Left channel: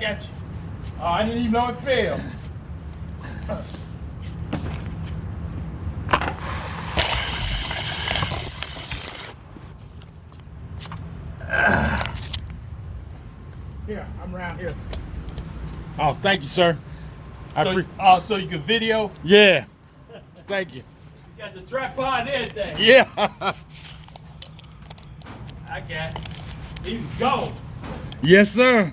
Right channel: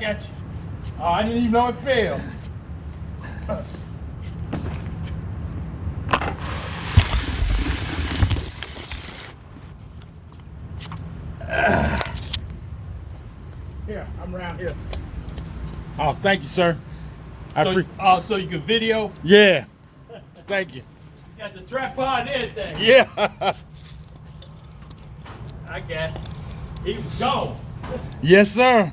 got you. Oh, I didn't even know it failed. Here, I'm around here. Oh, thank you, sir. So you can video? Yeah. Thank you. You got the tripod and everything. Yeah. I got it. He was gone. Yes, sir.